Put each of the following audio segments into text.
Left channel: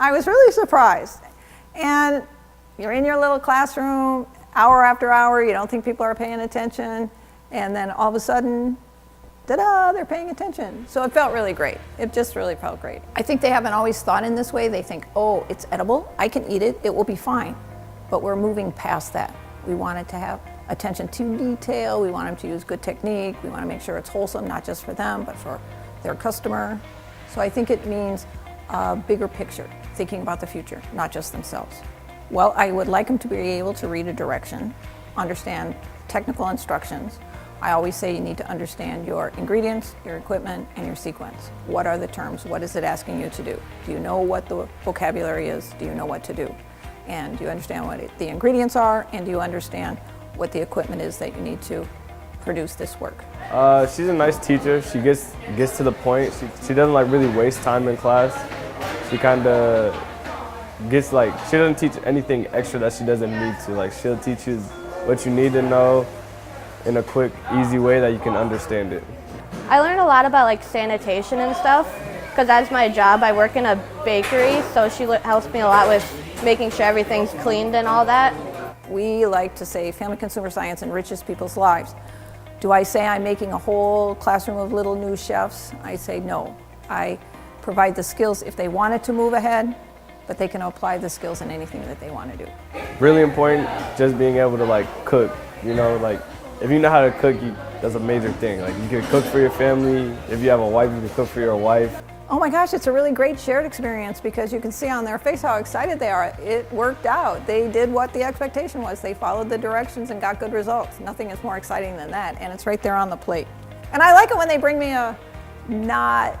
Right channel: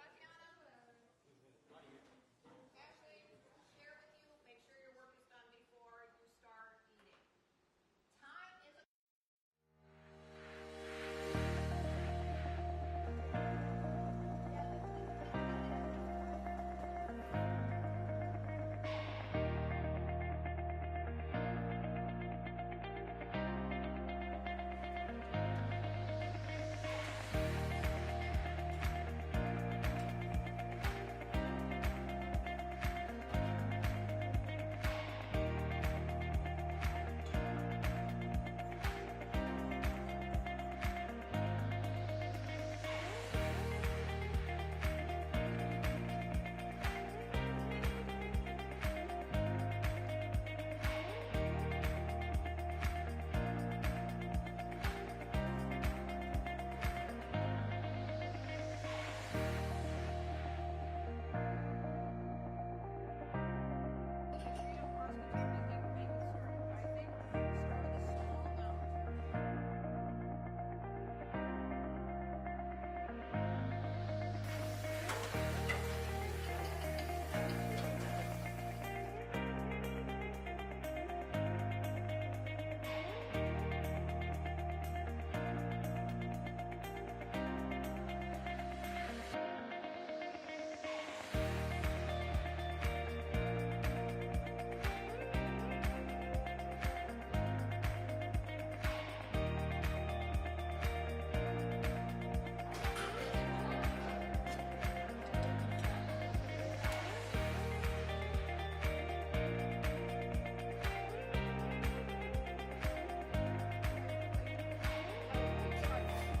I was really surprised. And you're in your little classroom, hour after hour, you don't think people are paying attention, and then all of a sudden, ta-da, they're paying attention. So it felt really great. It just really felt great. I think they haven't always thought in this way. They think, oh, it's edible, I can eat it, it will be fine. But we're moving past that. We want it to have attention to detail, we want them to use good technique, we want to make sure it's wholesome, not just for them, but for their customer. So I think it means a bigger picture, thinking about the future, not just themselves. Well, I would like them to be able to read a direction, understand technical instructions. I always say you need to understand your ingredients, your equipment, and your sequence. What are the terms? What is it asking you to do? Do you know what the vocabulary is? Do you know what to do? And do you understand what the ingredients are? And do you understand what the equipment is that you need to produce this work? She's a nice teacher. She gets to the point. She doesn't like really waste time in class. She kind of gets like, she doesn't teach anything extra that she doesn't need to. Like, she'll teach you what you need to know in a quick, easy way that you can understand it. I learned a lot about like sanitation and stuff, because that's my job. I work in a bakery, so she helps me a lot with making sure everything's cleaned and all that. We like to say family consumer science enriches people's lives. Do I say I'm making a whole classroom of little new chefs? I say no. I provide the skills if they wanted to move ahead, but they can apply the skills in anything that they want to do. Really important, just being able to like cook, you know, like if you know how to cook, that's a major thing. Like, you can cook for your family. If you have a wife, you can cook for your wife. Oh my gosh, it's a really great shared experience because you can see on their face how excited they are. It worked out. They did what the expectation was. They followed the directions and got good results. Nothing is more exciting than that, and it's right there on the plate. And I like it when they bring me a not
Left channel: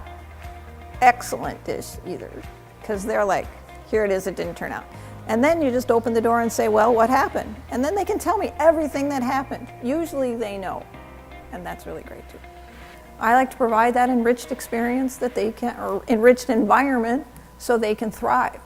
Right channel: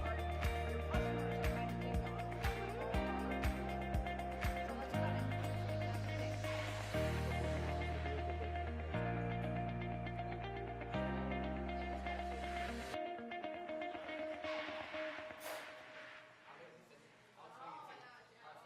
excellent dish either, because they're like, here it is, it didn't turn out. And then you just open the door and say, well, what happened? And then they can tell me everything that happened. Usually they know, and that's really great too. I like to provide that enriched experience that they can, or enriched environment, so they can thrive.